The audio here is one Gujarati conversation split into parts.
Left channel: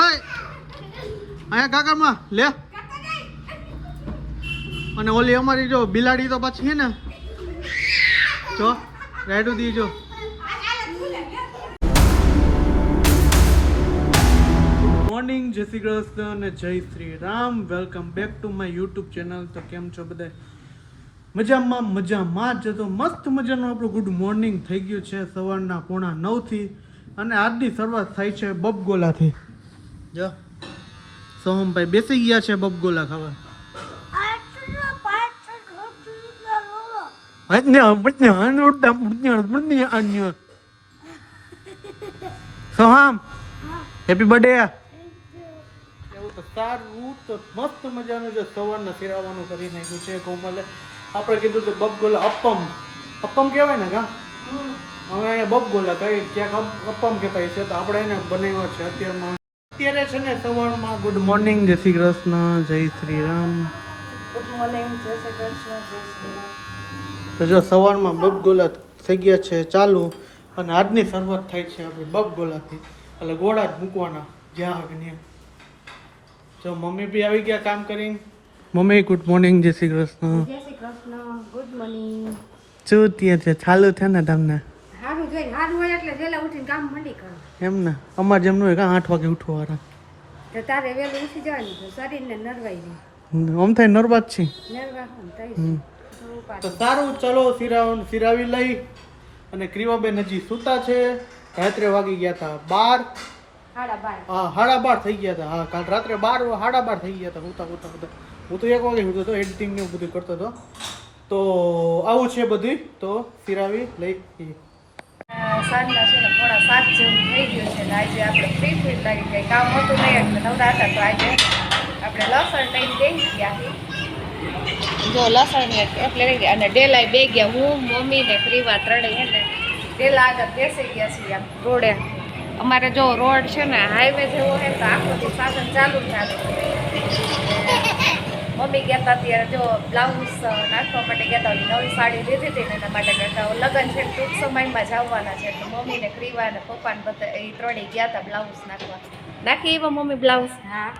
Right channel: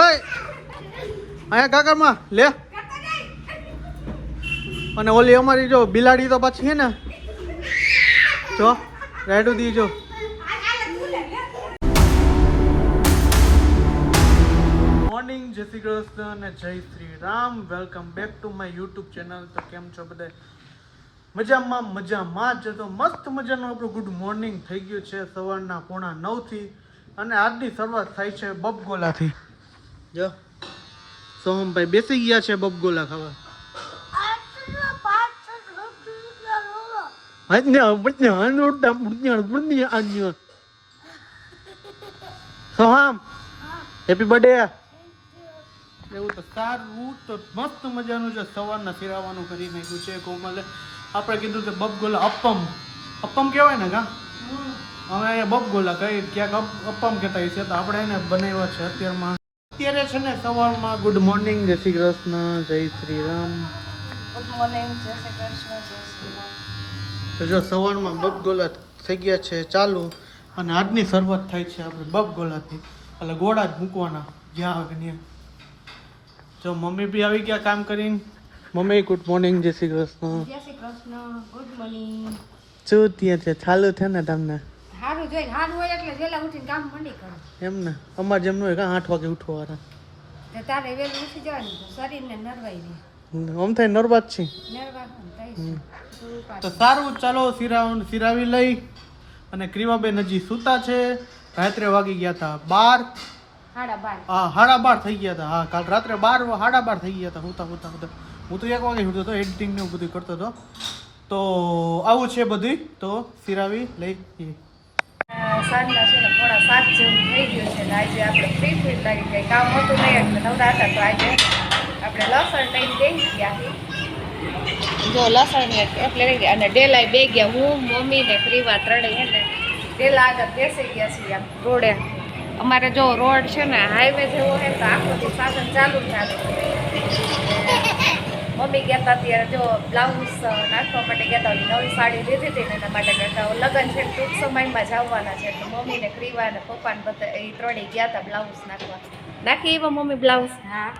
અહીંયા કાકામાં લે. અને ઓલી અમારી જો બિલાડી તો પાછી છે ને, જો રાઈડું દીજો. મોર્નિંગ, જય શ્રી કૃષ્ણ અને જય Shri Ram. Welcome back to my YouTube channel. તો કેમ છો બધા? મજામાં જ. તો મસ્ત મજાનું આપણું ગુડ મોર્નિંગ થઈ ગયું છે સવારના 8:45 અને આજની શરૂઆત થાય છે બબગોલાથી. જો સોહમભાઈ બેસી ગયા છે બબગોલા ખાવા. Soham happy birthday. એવું તો સારું. તો મસ્ત મજાનું જે સવારના ફેરવવાનું કરી નાખ્યું છે કોમલે. આપણે કીધું કે બબગોલા અપમ કહેવાય ને કા, હવે બબગોલા કઈ ક્યાંક અપમ કહેતા છે. તો આપણે એને બનાવ્યા છે અત્યારે છે ને સવારમાં. ગુડ મોર્નિંગ, જય શ્રી કૃષ્ણ, જય શ્રી રામ. ગુડ મોર્નિંગ, જય શ્રી કૃષ્ણ, જય શ્રી. તો જો સવારમાં બબગોલા થઈ ગયા છે ચાલુ અને આજની શરૂઆત થાય છે આપણે બબગોલાથી. એટલે ગોળા જ મૂકવાના જ્યાં આવે ત્યાં. જો મમ્મી બી આવી ગયા કામ કરીને. મમ્મી ગુડ મોર્નિંગ, જય શ્રી કૃષ્ણ. જય શ્રી કૃષ્ણ, ગુડ મોર્નિંગ. શું થયું છે? ચાલુ છે ને તમને? હારું જોઈ હારું હોય એટલે વહેલા ઉઠીને કામ મંડી કરો. એમ ને અમારે જેમ હોય કાં 8 વાગે ઉઠવાનું. તો તારે વહેલું ઉઠી જવાનું તો શરીરને નરવાઈ જાય. આમ થાય નર્વસ છે. નરવા તો સારું, ચાલો સિરાવી લઈ. અને ક્રીવાબેન હજી સૂતા છે. રાત્રે વાગી ગયા હતા 12. 12:30 થઈ ગયા હતા. હા, કાલ રાત્રે 12:30 થઈ ગયા હતા ઉતા. હું તો 1 વાગે ઉઠ્યો હતો, એડિટિંગ ને એવું બધું કરતો હતો. તો આવું છે બધું. તો સિરાવી લઈ. સાંજના છે ને 6:45 જેવું થઈ ગયું છે. આજે આપણે ફ્રી લાગી કંઈ કામ હતું નહીં એટલે નવરા હતા. તો આજે આપણે લસણ લઈને દઈ ગયા. જો લસણ એટલે રહી ગયા અને ડેલાય બે ગયા. હું મમ્મી ને ક્રીવા ત્રણેય ને ડેલા આગળ બેસી ગયા છીએ આમ રોડે. અમારે જો રોડ છે ને હાઈવે જેવો છે તો આખો સાધન ચાલુ જ ચાલુ. મમ્મી ગયા હતા ત્યારે જો બ્લાઉઝ નાખવા માટે ગયા હતા. નવી સાડી લીધી હતી ને એના માટે કહેતા લગ્ન છે ટૂંક સમયમાં જવાના છે. તો મમ્મી ને ક્રીવા ને પપ્પા ને બધા એ ત્રણેય ગયા હતા બ્લાઉઝ નાખવા. નાખી એવા મમ્મી બ્લાઉઝ? હા,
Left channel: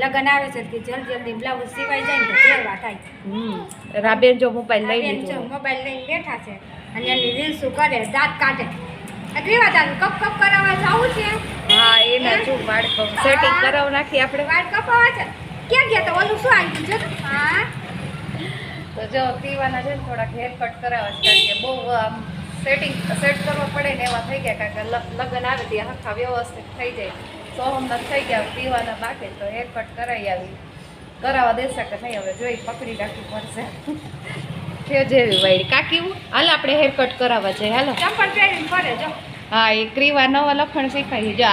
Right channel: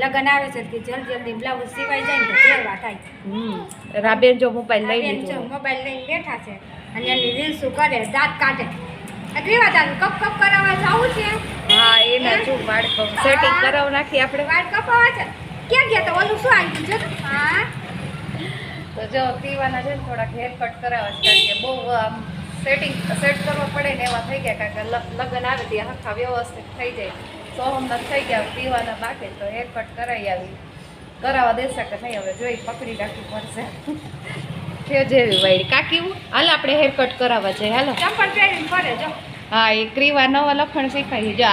લગ્ન આવે છે કે જલ્દી બ્લાઉઝ સિવાય જાય ને તો પહેરવા થાય. રાબેન જો મોબાઈલ લઈ લીધો, મોબાઈલ લઈને બેઠા છે અને એની રીલ્સો કરે, દાંત કાઢે. ક્રીવા તારે કપ કરાવવા જવું છે? હા, એના જો વાળ સેટિંગ કરાવ નાખી આપણે. વાળ કપાવા છે. ક્યાં ગયા તો ઓલું શું આવી ગયું છે? હા, તો જો ક્રીવાના છે ને થોડાક હેર કટ કરાવવા છે કારણ કે બહુ આમ સેટ કરવા પડે ને એવા થઈ ગયા. કારણ કે લગ્ન આવે ત્યાં આખા વ્યવસ્થિત થઈ જાય. સોહમના થઈ ગયા, પીવાના બાકી. તો હેર કટ કરાવી આવી. કરાવવા દેશે કે નહીં હવે જોઈ પકડી રાખવી પડશે. છે જેવી વાળી કાકી હાલ આપણે હેર કટ કરાવવા જઈએ. હાલો ચંપલ પહેરીને ફરે જો. હા, એ ક્રીવા નવા લખણ શીખાય. જો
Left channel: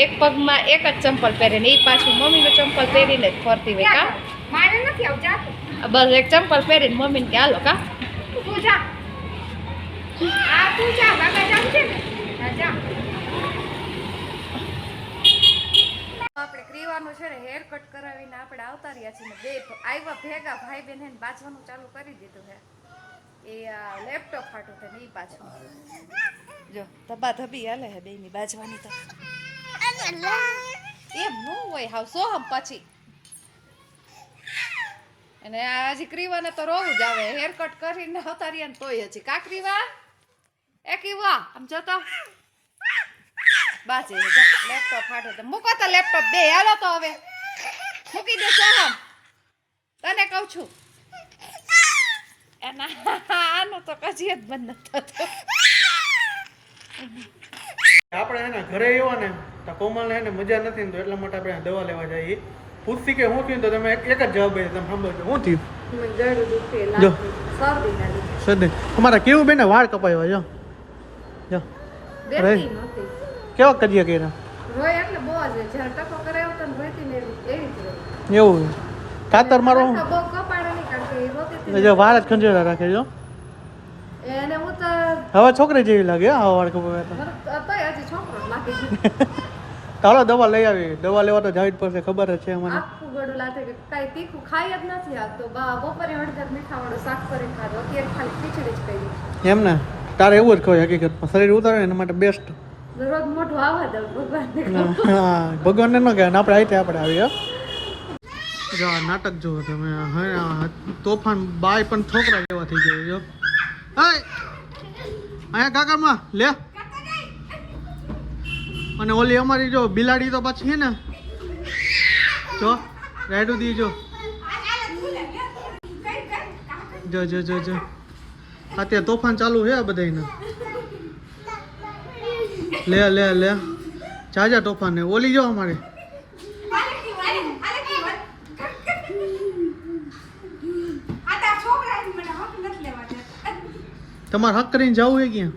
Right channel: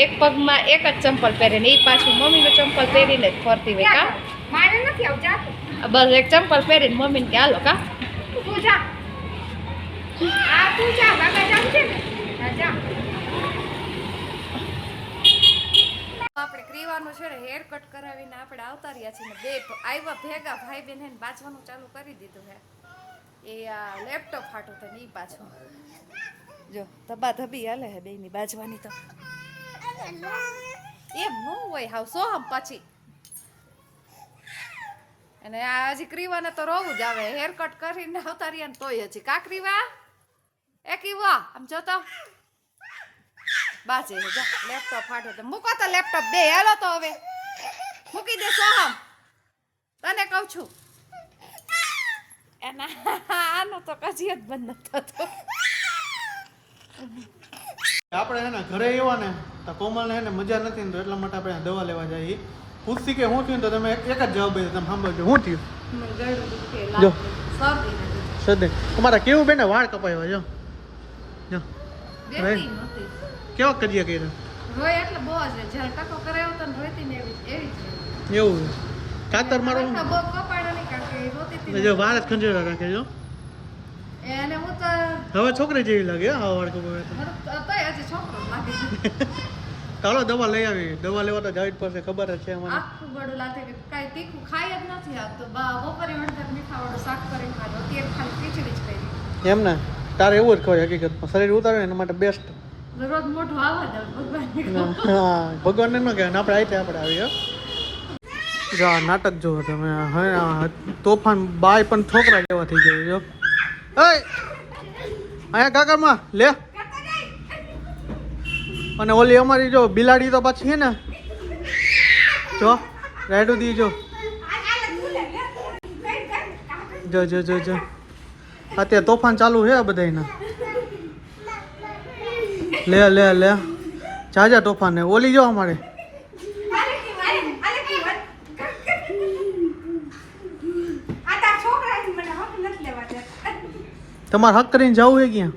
એક પગમાં એક જ ચંપલ પહેરે ને એ પાછું મમ્મીનું ચંપલ પહેરીને જ ફરતી હોય. કા મારે નથી આવતા. બસ એક ચંપલ પહેરીને મમ્મીને કે હાલો કા તું જા. હા તું જા, બાબા જાવ છે ને. હા જા. આપણે ક્રીવાનું છે ને હેર કટ કરાવીને આપણે આવતા રહ્યા છીએ. બે આવ્યા ભેગા ભાઈ બહેન ને બાજવાનું ચાલુ કરી દીધું છે. એ આ લેપટોપ ફાટું છે ને એ પાછું જો ધબા ધબી હાલે હે બેની બાજવાની. તો એમ ન હોય હાવ સોહમ પછી. અને આ હજી ક્રીવાને તો રોવું જ આવે. હેર કટ કરીને આવતા રહ્યા ને તોય હજી કા ક્રીવા એ કીવા આમ જોતો બાજે લેપટોપ ફાટું તો મૂકો તો લેપટોપ બે. હાલો તો હવે મૂકી દે સોહમ, તને કહું છું. એના આનું તો કજી જ બંધ નથી થતો. આપણે એને ઘરે આવ્યા ને તો કોમલને એને મજા નથી ને તો એટલા માટે આપણે દવા લેવા જઈએ. પૂછતી કે શું થયું તો તમે એક જ જવાબ આપ્યો. તમે સાંભળજો શું થયું? શરદી. તમારા કેવું બેને વાળ કપાવ્યા? જો જો કેવા કરીએ કર્યા? રોય એટલે બહુ જ જ્યારે ટકો કરાવ્યો તો રોઈતી ને એવી જ રહી. એવું કાતર મારો બહુ કપાડો નહીં કારણ કે રોતી હતી. જો વાળ જ ખંજેરા રાખે. જો એને હું તો હવે છોકરી જેવી લાગે. હા, વાળ કપાવ્યા તોય હજી છોકરો જ લાગે. ચાલો દવા લઈ આવી. દવા લેવા તો જાવી જ પડશે, ખબર જ છે મને. આખું ગળું લાગે કે કાંઈ તીખું ખાઈ જ નથી. આ તો બપોરે હળદર મીઠાવાળો શાક કરીને ખાધો. અત્યારે ખાલી ખીચડી જ કરી. એમ ને તારે એવું જ કહે હકીકતમાં શરીર ઉતારે એના માટે બેસ્ટ. દરરોજ મોઢું આવવા દઉં ભગવાનને હા ભગવાનને ન કહેવાય આપણે આઈતે આપણે આવી હો. જો આ નાટક જુઓ તમે હવે તોફાન બાય પણ છોકરા જેવા થઈ જાય જો અહીંયા કાકામાં લે અને ઓલી અમારી જો બિલાડી તો પાછી છે ને જો રાઈડું દી જો જો જો જો જો અત્યારે તોફાન ચાલુ છે બધાયના લે લે લે જાજા તોફાન ને ઓલી જો અમારે તમારે હક કરીને જવું છે ક્યાં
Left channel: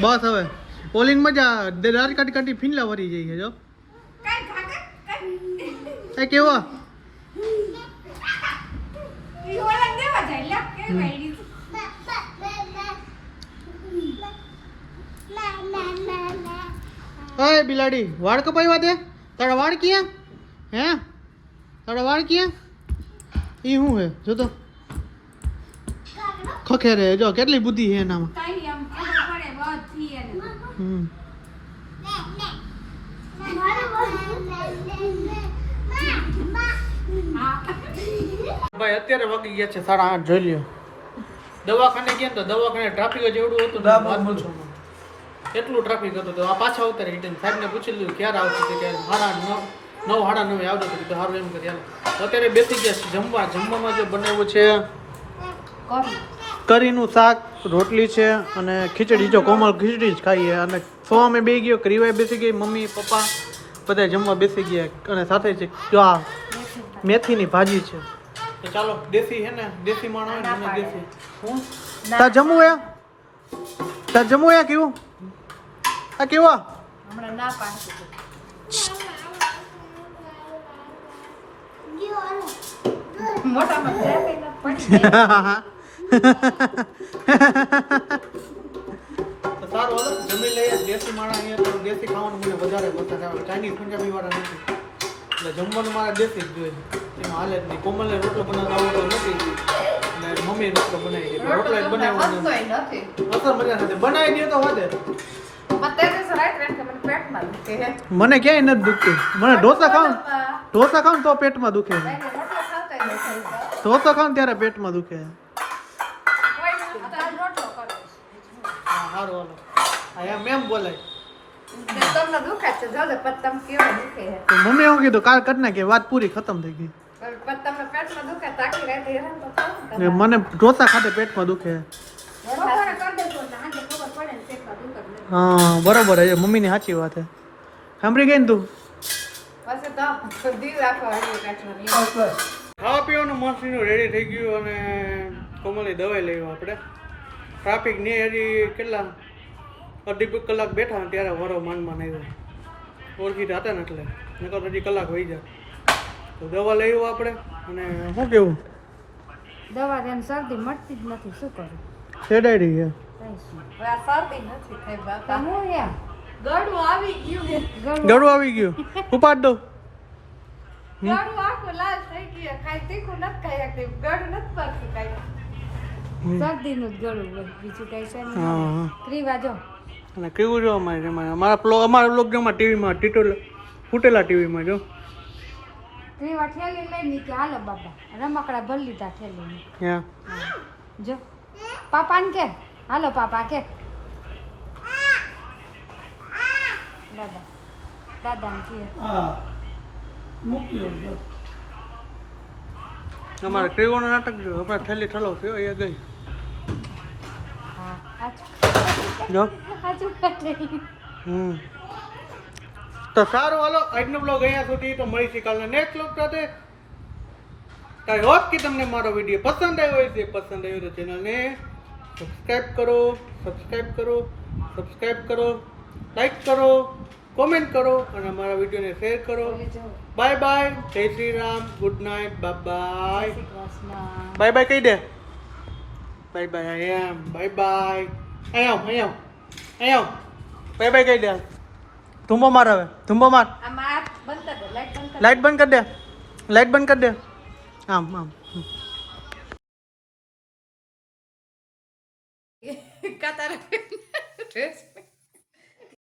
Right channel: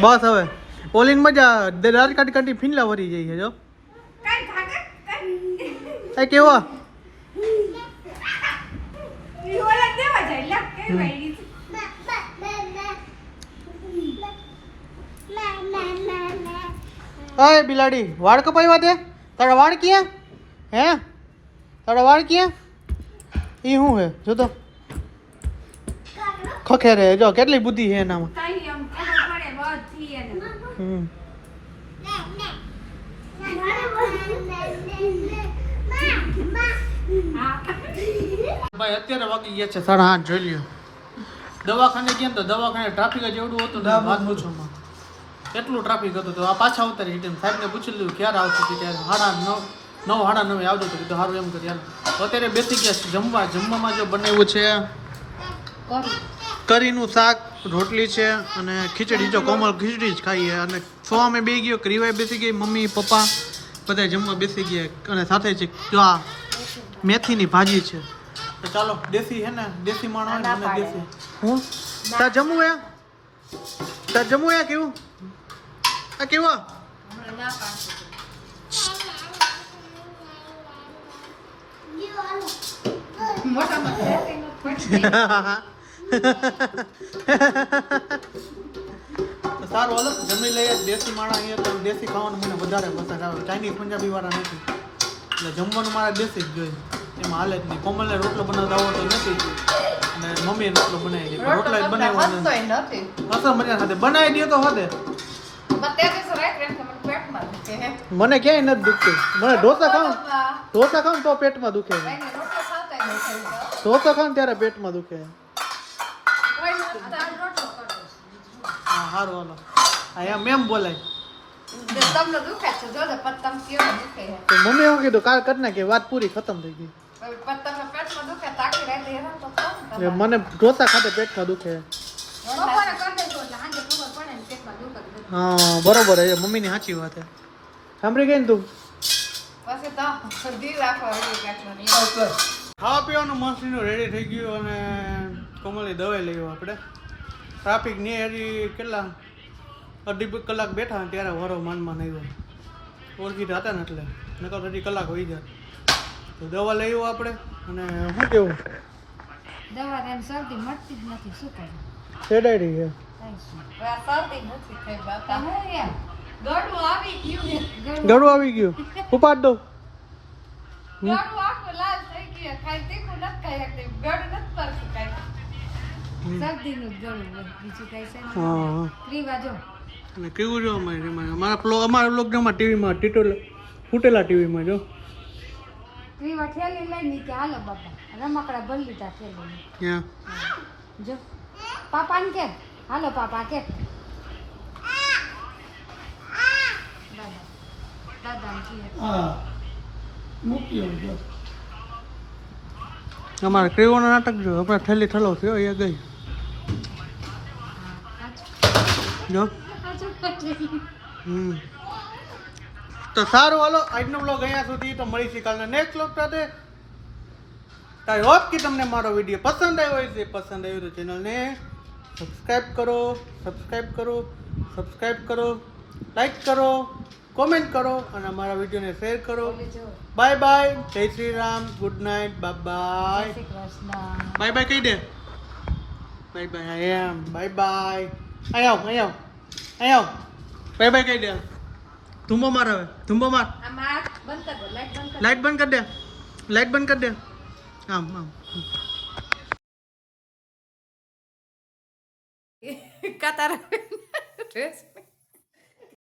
બસ હવે ઓલીન મજા રાજ કાઢી કાઢી ફીનલા વરી જઈ છે જો એ કેવા ઓય બિલાડી વાળ કપાવ્યા તે તારા વાળ ક્યાં હે તારા વાળ ક્યાં ઈ શું હે જો તો ખખે રે જો કેટલી બુદ્ધિ છે એનામાં ભાઈ અત્યારે વાગી ગયા છે 8:30 જોઈ લ્યો દવાખાને ગયા તો દવાખાને ટ્રાફિક જ એવડું હતું ને વાત પૂછો એટલું ટ્રાફિક હતું તો આ પાછા ઉતરી રિટર્ન સાહેબને પૂછી લીધું ક્યારે આવશે તો ક્યારે 9:30 આવજો તો કીધું સારું એમ કરી હાલો અત્યારે બેસી ગયા છે જમવામાં જો બનાવ્યું છે કરીનું શાક રોટલી છે અને ખીચડી જો કોમલ ખીચડી જ ખાઈએ અને સોમે બે ગયો ક્રીવાય બેસી ગઈ મમ્મી પપ્પા બધા જમવા બેસી ગયા અને સાથે છે જો આ મેથીની ભાજી છે તો ચાલો દેશી હે ને દેશી માણસ મને દેશી હું તા જમવું કેવું આ કેવા હમણાં ના પાડે સારું હાલો જમી લઈએ દેશી માણસ અહીંયા તો દેશી ખાવાનું મને વધારે પસંદ આવે ચાઇનીઝ પંજાબી વાળા નથી એટલે જમવાનું મારા દેશી જ જોઈએ એમાં હાલે જ નહીં કોમલને રોટલો બનાવતા આવડતો નથી અને મમ્મી રોટલો બનાવી દે રોટલા જ બનાવવાનો અસર મજા નથી બનાવી દે તો હોદે મને ક્યાંય નથી દુખતું મને ઢોસા ખાવ તો પેટમાં દુખે ઢોસા ખાવ ત્યારે પેટમાં દુખે હા સારું હાલો અહીંયા મેમ બોલાય મને એવું કીધું કાલ કરી નાખીએ વાત પૂરી ખતમ થઈ ગઈ મને ઢોસા ખાતે પેટમાં દુખે હા બરોબર છે મમ્મીની સાચી વાત છે સાંભળી ગઈ ને તું ખાવા પીવાનું મસ્તીનું રેડી થઈ ગયું અને કોમલની દવાઈ લઈ આપણે ટ્રાફિક ને હજી કેટલા અડધી કલાક બેઠા ને ત્યારે વરો માનમાં આવ્યો ઓળખીતા હતા ને એટલે નકર હજી કલાક વહી જાય તો દવા લઈ આપણે અને શું કેવું દવા તેમ શરદી મળતી જ નથી શું કરું શેડાઈ છે ગળું આવી ગયું ઉપાડ દો શરદીનું જ ગળું હોય બીજું કઈ છે નહીં ક્રીવા જો અને કેવું જો અમારા બ્લોગમાં ટીવીમાં ફૂટેલા ટીવીમાં જો ક્રીવા ઠેલી લઈને કે હાલો બાપા રમકડા ભરી લીધા ઠેલી હા જો પાપાને કે હાલો પાપા કે દાદા દાદાને કે અમારે ક્રીવાનો નાટક જો હમણાં થેલી ઠલો થયો એ ગઈ જો તો સારું હાલો આજનો બ્લોગ અહીંયા સુધી તો મળીશું કાલના નેક્સ્ટ બ્લોગ સાથે આઈ હોપ કે તમને મારો વિડીયો પસંદ આવ્યો હશે પસંદ આવ્યો તો ચેનલને સબસ્ક્રાઈબ કરો લાઈક કરો કોમેન્ટ કરો અને અમારા વિડીયોને શેર કરો બાય બાય જય Shri Ram good night bye bye કહી દે બાય બાય આઈ એમ બાય બાય અહીંયા બાય કહી દે ધુંબો માર હવે ધુંબો માર લાઈટ બંધ કરી દે આમ ભીકા તારા